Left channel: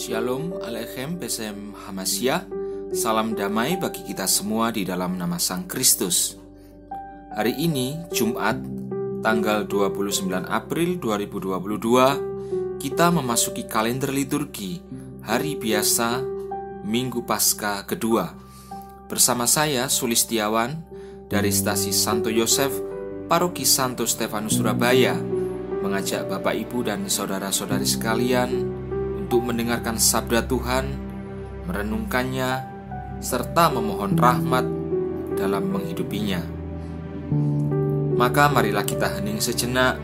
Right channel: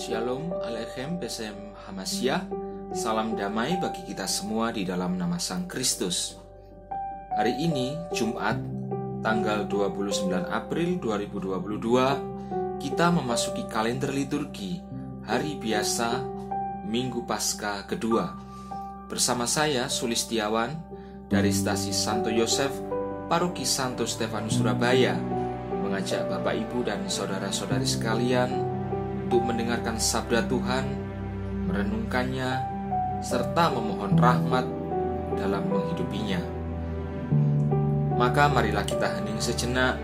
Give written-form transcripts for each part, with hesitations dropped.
Shalom Aleichem Besem Hamasya. Salam damai bagi kita semua di dalam nama Sang Kristus. Hari ini Jumat tanggal 29 April 2022, kita memasuki kalender liturgi hari biasa Minggu Paskah kedua. Bersama saya Sulistiawan dari Stasi Santo Yosef, Paroki Santo Stefanus Surabaya, mengajak Bapak Ibu dan saudara-saudari sekalian untuk mendengarkan sabda Tuhan, merenungkannya, serta memohon rahmat dalam menghidupinya. Maka marilah kita hening sejenak,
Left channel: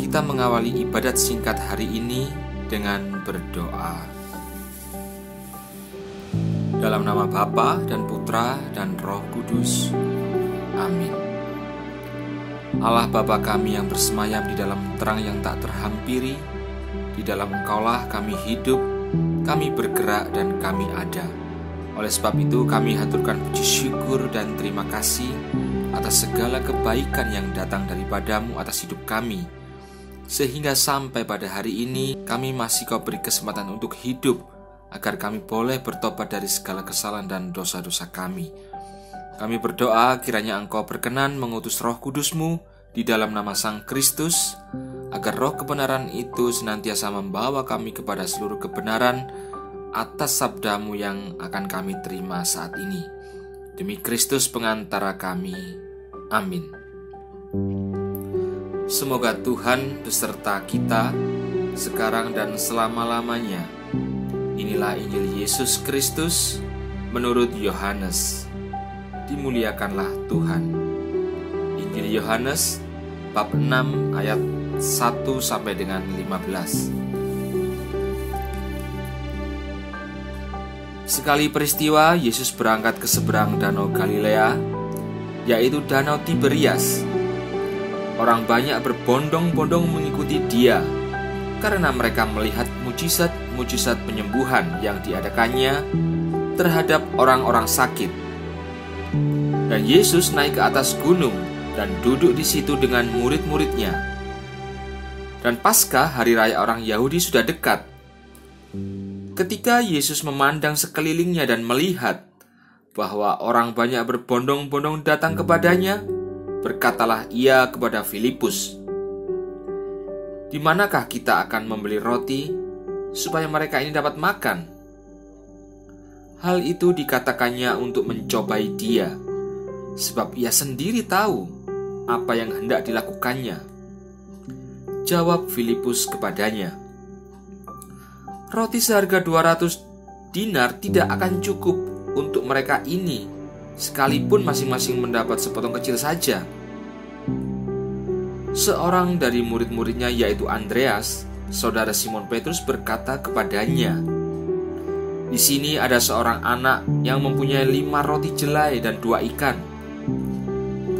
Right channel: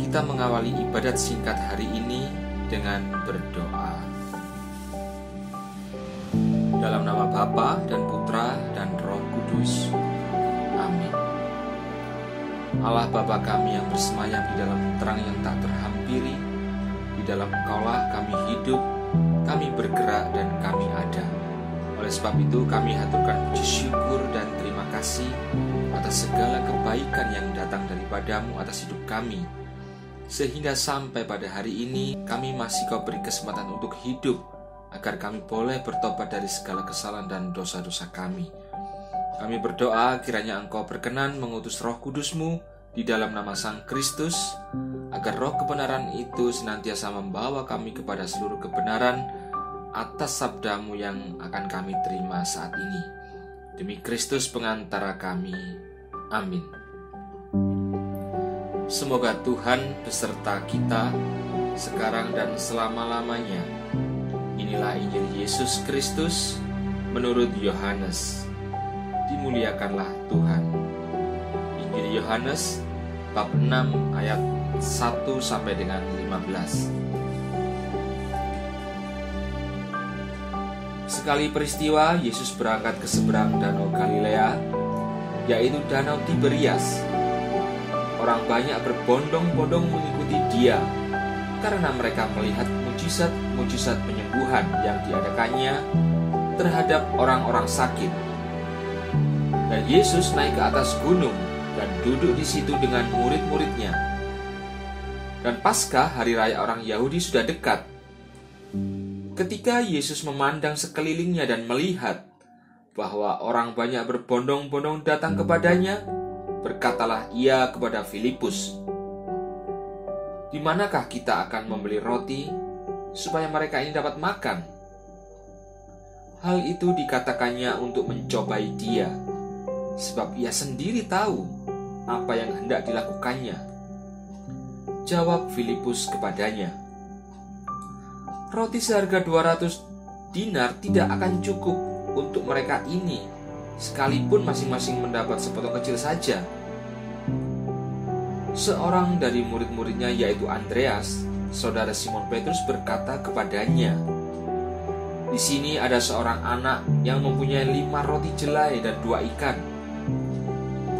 kita mengawali ibadat singkat hari ini dengan berdoa. Dalam nama Bapa dan Putra dan Roh Kudus. Amin. Allah Bapa kami yang bersemayam di dalam terang yang tak terhampiri, di dalam Engkaulah kami hidup, kami bergerak, dan kami ada. Oleh sebab itu kami haturkan puji syukur dan terima kasih atas segala kebaikan yang datang daripadamu atas hidup kami, sehingga sampai pada hari ini kami masih Kau beri kesempatan untuk hidup, agar kami boleh bertobat dari segala kesalahan dan dosa-dosa kami. Kami berdoa kiranya Engkau berkenan mengutus Roh Kudus-Mu di dalam nama Sang Kristus, agar roh kebenaran itu senantiasa membawa kami kepada seluruh kebenaran atas sabda-Mu yang akan kami terima saat ini. Demi Kristus pengantara kami. Amin. Semoga Tuhan beserta kita sekarang dan selama-lamanya. Inilah Injil Yesus Kristus menurut Yohanes. Dimuliakanlah Tuhan. Injil Yohanes bab 6 ayat 1 sampai dengan 15. Sekali peristiwa Yesus berangkat ke seberang danau Galilea, yaitu danau Tiberias. Orang banyak berbondong-bondong mengikuti Dia karena mereka melihat mujizat-mujizat penyembuhan yang diadakannya terhadap orang-orang sakit. Dan Yesus naik ke atas gunung dan duduk di situ dengan murid-muridnya. Dan Paskah, hari raya orang Yahudi, sudah dekat. Ketika Yesus memandang sekelilingnya dan melihat bahwa orang banyak berbondong-bondong datang kepadanya, berkatalah Ia kepada Filipus, "Di manakah kita akan membeli roti supaya mereka ini dapat makan?" Hal itu dikatakannya untuk mencobai Dia, sebab Ia sendiri tahu apa yang hendak dilakukannya. Jawab Filipus kepadanya, "Roti seharga 200 dinar tidak akan cukup untuk mereka ini, sekalipun masing-masing mendapat sepotong kecil saja." Seorang dari murid-muridnya, yaitu Andreas, saudara Simon Petrus, berkata kepadanya, "Di sini ada seorang anak yang mempunyai 5 roti jelai dan 2 ikan.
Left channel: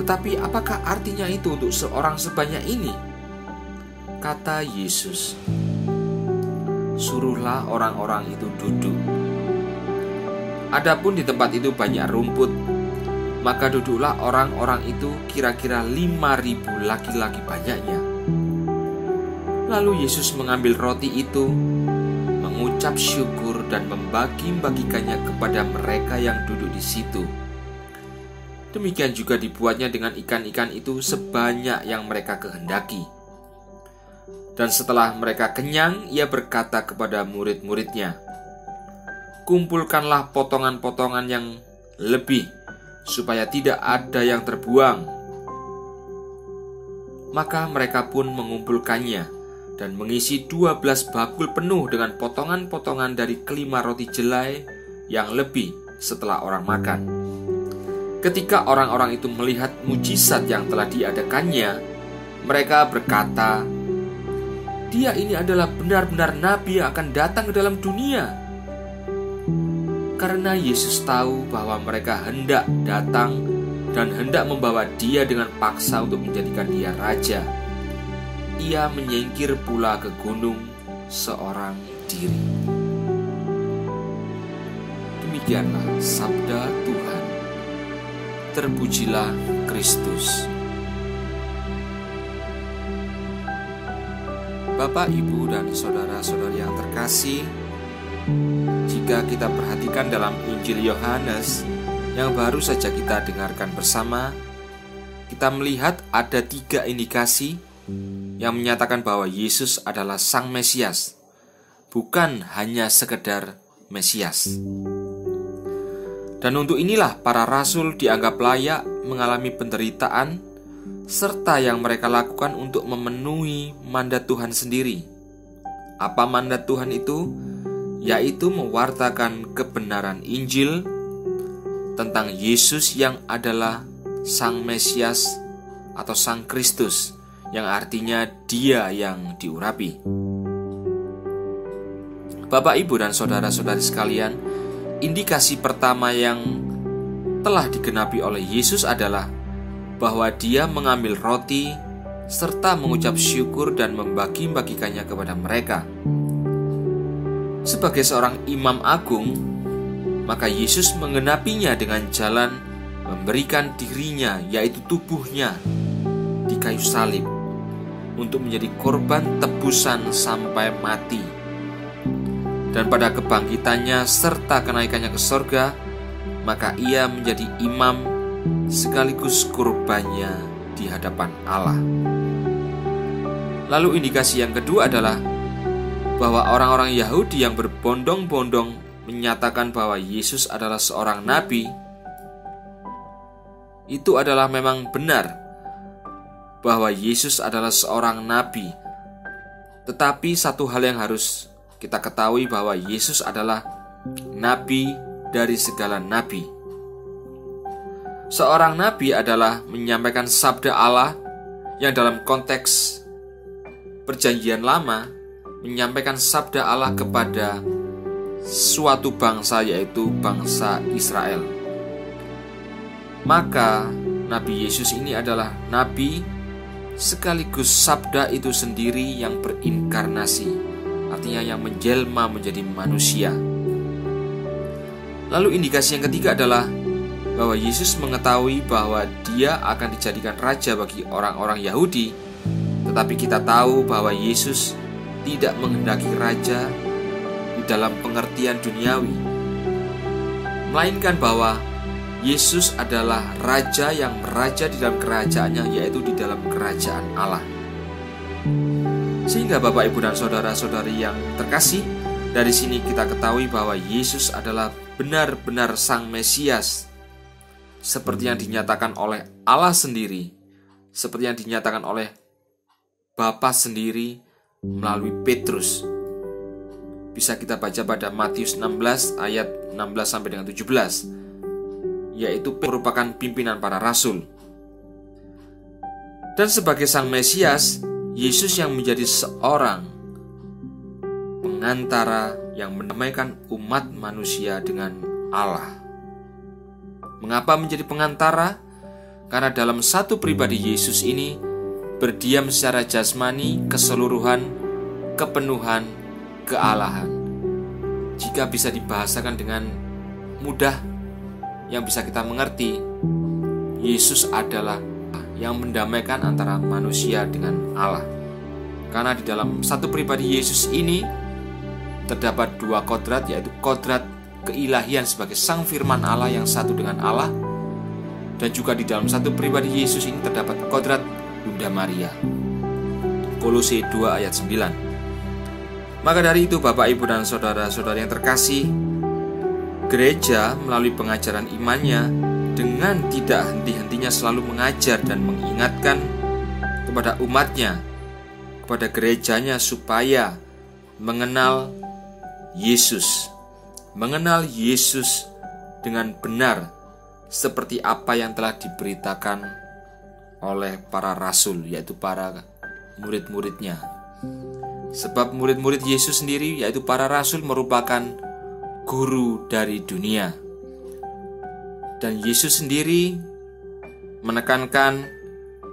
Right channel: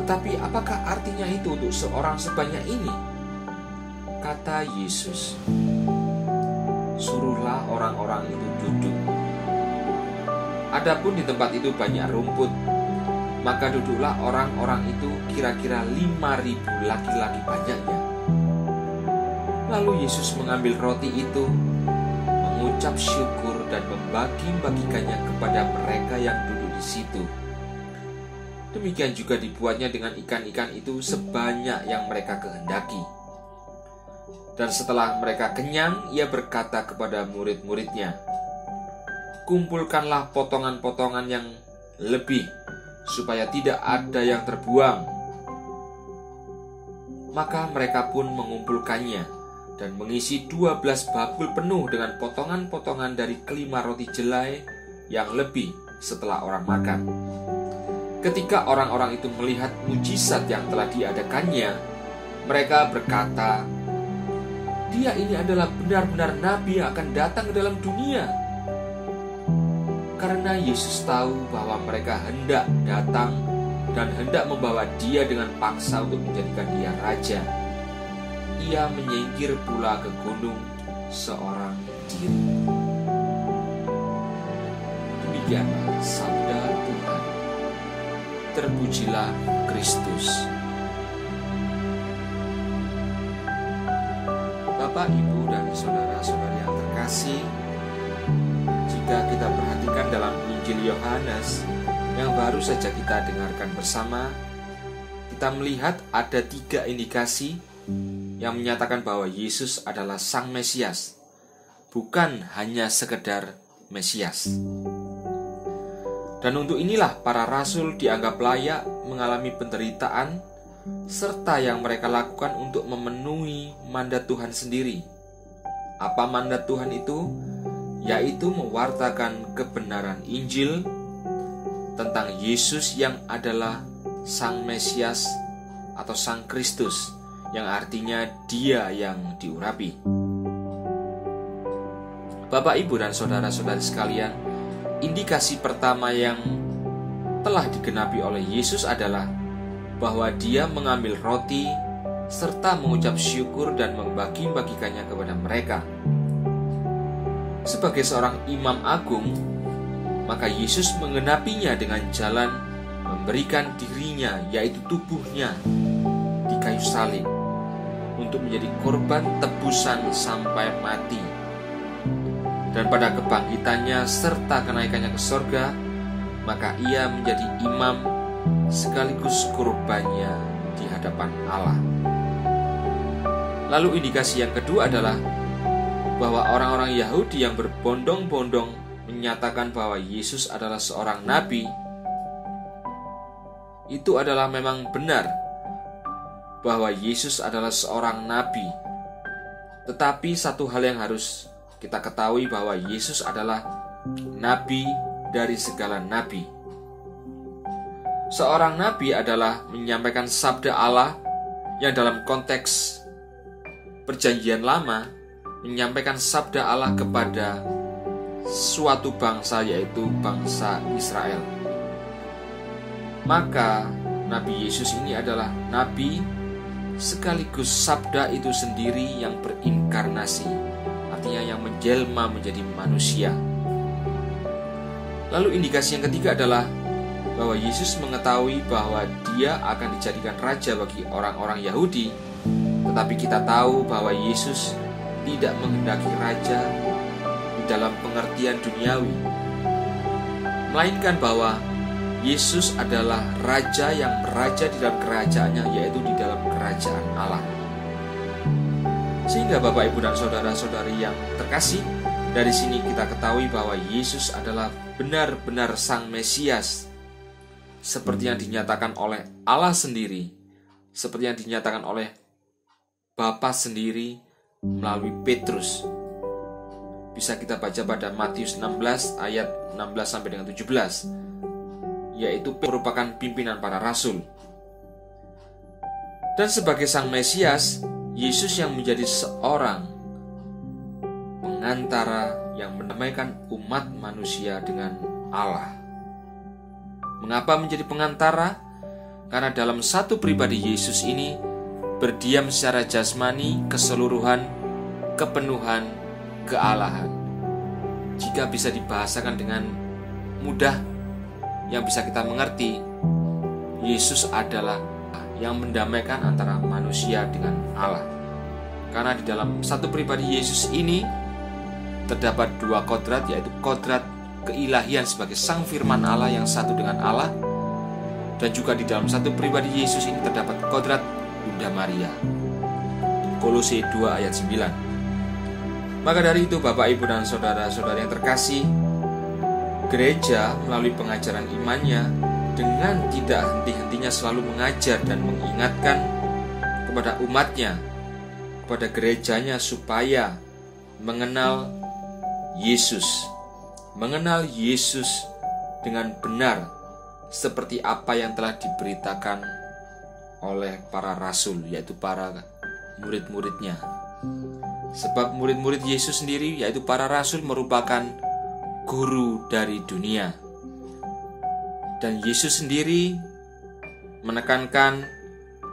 Tetapi apakah artinya itu untuk seorang sebanyak ini?" Kata Yesus, "Suruhlah orang-orang itu duduk." Adapun di tempat itu banyak rumput, maka duduklah orang-orang itu, kira-kira 5.000 laki-laki banyaknya. Lalu Yesus mengambil roti itu, mengucap syukur dan membagi-bagikannya kepada mereka yang duduk di situ. Demikian juga dibuatnya dengan ikan-ikan itu sebanyak yang mereka kehendaki. Dan setelah mereka kenyang, Ia berkata kepada murid-muridnya, "Kumpulkanlah potongan-potongan yang lebih, supaya tidak ada yang terbuang." Maka mereka pun mengumpulkannya dan mengisi 12 bakul penuh dengan potongan-potongan dari kelima roti jelai yang lebih setelah orang makan. Ketika orang-orang itu melihat mujizat yang telah diadakannya, mereka berkata, "Dia ini adalah benar-benar nabi yang akan datang ke dalam dunia." Karena Yesus tahu bahwa mereka hendak datang dan hendak membawa Dia dengan paksa untuk menjadikan Dia raja, Ia menyingkir pula ke gunung seorang diri. Demikianlah sabda Tuhan. Terpujilah Kristus. Bapak, Ibu, dan saudara-saudari yang terkasih, Jika kita perhatikan dalam Injil Yohanes yang baru saja kita dengarkan bersama, kita melihat ada 3 indikasi yang menyatakan bahwa Yesus adalah Sang Mesias, bukan hanya sekedar Mesias. Dan untuk inilah para rasul dianggap layak mengalami penderitaan serta yang mereka lakukan untuk memenuhi mandat Tuhan sendiri. Apa mandat Tuhan itu? Yaitu mewartakan kebenaran Injil tentang Yesus yang adalah Sang Mesias atau Sang Kristus, yang artinya Dia yang diurapi. Bapak, Ibu, dan saudara-saudari sekalian, indikasi pertama yang telah digenapi oleh Yesus adalah bahwa Dia mengambil roti serta mengucap syukur dan membagi-bagikannya kepada mereka. Sebagai seorang imam agung, maka Yesus menggenapinya dengan jalan memberikan dirinya, yaitu tubuhnya, di kayu salib untuk menjadi korban tebusan sampai mati. Dan pada kebangkitannya serta kenaikannya ke sorga, maka ia menjadi imam sekaligus kurbannya di hadapan Allah. Lalu indikasi yang kedua adalah bahwa orang-orang Yahudi yang berbondong-bondong menyatakan bahwa Yesus adalah seorang nabi, itu adalah memang benar bahwa Yesus adalah seorang nabi. Tetapi satu hal yang harus kita ketahui bahwa Yesus adalah nabi dari segala nabi. Seorang nabi adalah menyampaikan sabda Allah yang dalam konteks Perjanjian Lama menyampaikan sabda Allah kepada suatu bangsa, yaitu bangsa Israel. Maka Nabi Yesus ini adalah nabi sekaligus sabda itu sendiri yang berinkarnasi, artinya yang menjelma menjadi manusia. Lalu indikasi yang ketiga adalah bahwa Yesus mengetahui bahwa Dia akan dijadikan raja bagi orang-orang Yahudi. Tetapi kita tahu bahwa Yesus tidak menghendaki raja di dalam pengertian duniawi, melainkan bahwa Yesus adalah raja yang meraja di dalam kerajaannya, yaitu di dalam kerajaan Allah. Sehingga Bapak, Ibu, dan saudara-saudari yang terkasih, dari sini kita ketahui bahwa Yesus adalah benar-benar Sang Mesias, seperti yang dinyatakan oleh Allah sendiri, seperti yang dinyatakan oleh Bapa sendiri melalui Petrus. Bisa kita baca pada Matius 16 ayat 16 sampai dengan 17, yaitu merupakan pimpinan para rasul. Dan sebagai Sang Mesias, Yesus yang menjadi seorang pengantara yang mendamaikan umat manusia dengan Allah. Mengapa menjadi pengantara? Karena dalam satu pribadi Yesus ini berdiam secara jasmani keseluruhan, kepenuhan, kealahan. Jika bisa dibahasakan dengan mudah yang bisa kita mengerti, Yesus adalah yang mendamaikan antara manusia dengan Allah. Karena di dalam satu pribadi Yesus ini terdapat 2 kodrat, yaitu kodrat keilahian sebagai Sang Firman Allah yang satu dengan Allah, dan juga di dalam satu pribadi Yesus ini terdapat kodrat Bunda Maria. Kolose 2 ayat 9. Maka dari itu Bapak, Ibu, dan saudara-saudara yang terkasih, gereja melalui pengajaran imannya dengan tidak henti-hentinya selalu mengajar dan mengingatkan kepada umatnya, kepada gerejanya, supaya mengenal Yesus dengan benar, seperti apa yang telah diberitakan oleh para rasul, yaitu para murid-muridnya. Sebab murid-murid Yesus sendiri, yaitu para rasul, merupakan guru dari dunia. Dan Yesus sendiri menekankan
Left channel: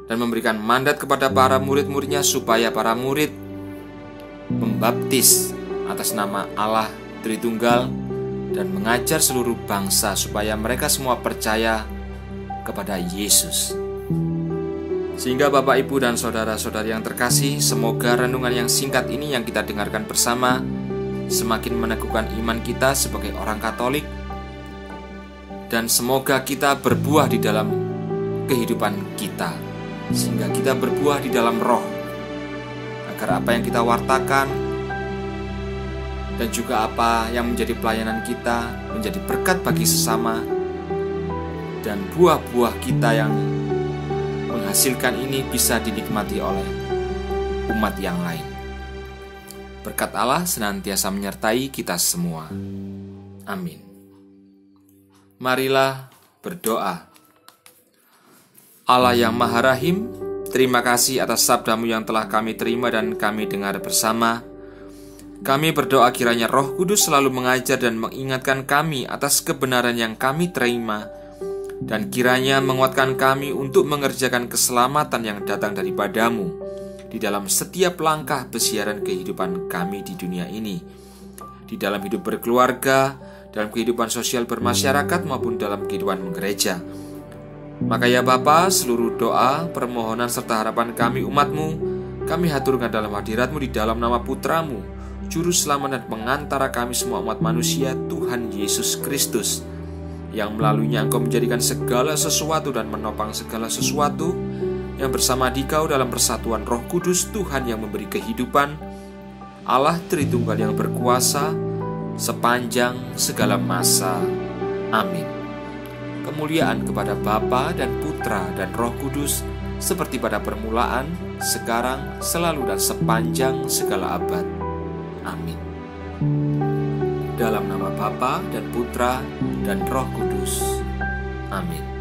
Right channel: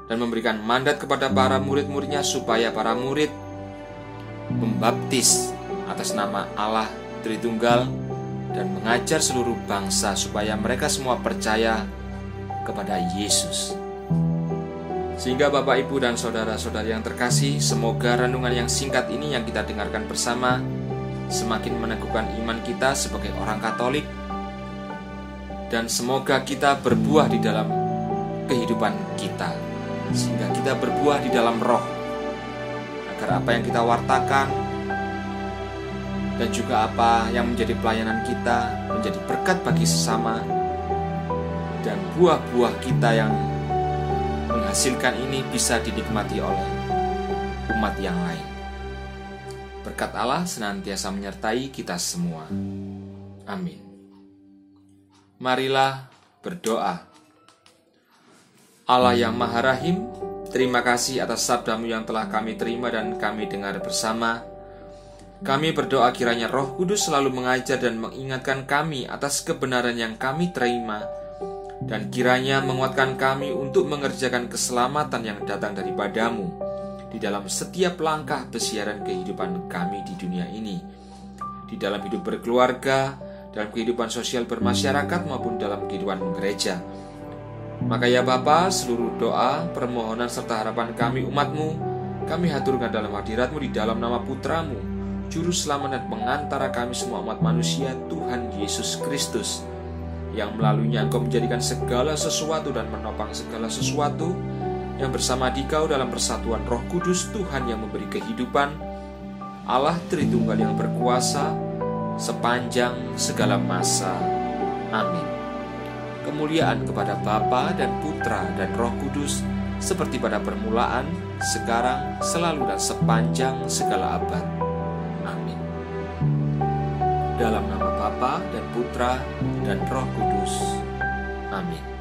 dan memberikan mandat kepada para murid-muridnya supaya para murid membaptis atas nama Allah Tritunggal dan mengajar seluruh bangsa supaya mereka semua percaya kepada Yesus. Sehingga Bapak, Ibu, dan saudara-saudari yang terkasih, semoga renungan yang singkat ini yang kita dengarkan bersama semakin meneguhkan iman kita sebagai orang Katolik, dan semoga kita berbuah di dalam kehidupan kita, sehingga kita berbuah di dalam roh, agar apa yang kita wartakan dan juga apa yang menjadi pelayanan kita menjadi berkat bagi sesama, dan buah-buah kita yang menghasilkan ini bisa dinikmati oleh umat yang lain. Berkat Allah senantiasa menyertai kita semua. Amin. Marilah berdoa. Allah yang Maha Rahim, terima kasih atas sabda-Mu yang telah kami terima dan kami dengar bersama. Kami berdoa kiranya Roh Kudus selalu mengajar dan mengingatkan kami atas kebenaran yang kami terima, dan kiranya menguatkan kami untuk mengerjakan keselamatan yang datang daripada-Mu di dalam setiap langkah pesiaran kehidupan kami di dunia ini, di dalam hidup berkeluarga, dalam kehidupan sosial bermasyarakat maupun dalam kehidupan gereja. Maka ya Bapa, seluruh doa, permohonan serta harapan kami umat-Mu, kami haturkan dalam hadirat-Mu di dalam nama Putra-Mu, Juru Selamat dan pengantara kami semua umat manusia, Tuhan Yesus Kristus, yang melaluinya Engkau menjadikan segala sesuatu dan menopang segala sesuatu, yang bersama Dikau dalam persatuan Roh Kudus, Tuhan yang memberi kehidupan, Allah Tritunggal yang berkuasa sepanjang segala masa. Amin. Kemuliaan kepada Bapa dan Putra dan Roh Kudus, seperti pada permulaan, sekarang, selalu dan sepanjang segala abad. Amin. Dalam nama Bapa dan Putra dan Roh Kudus. Amin.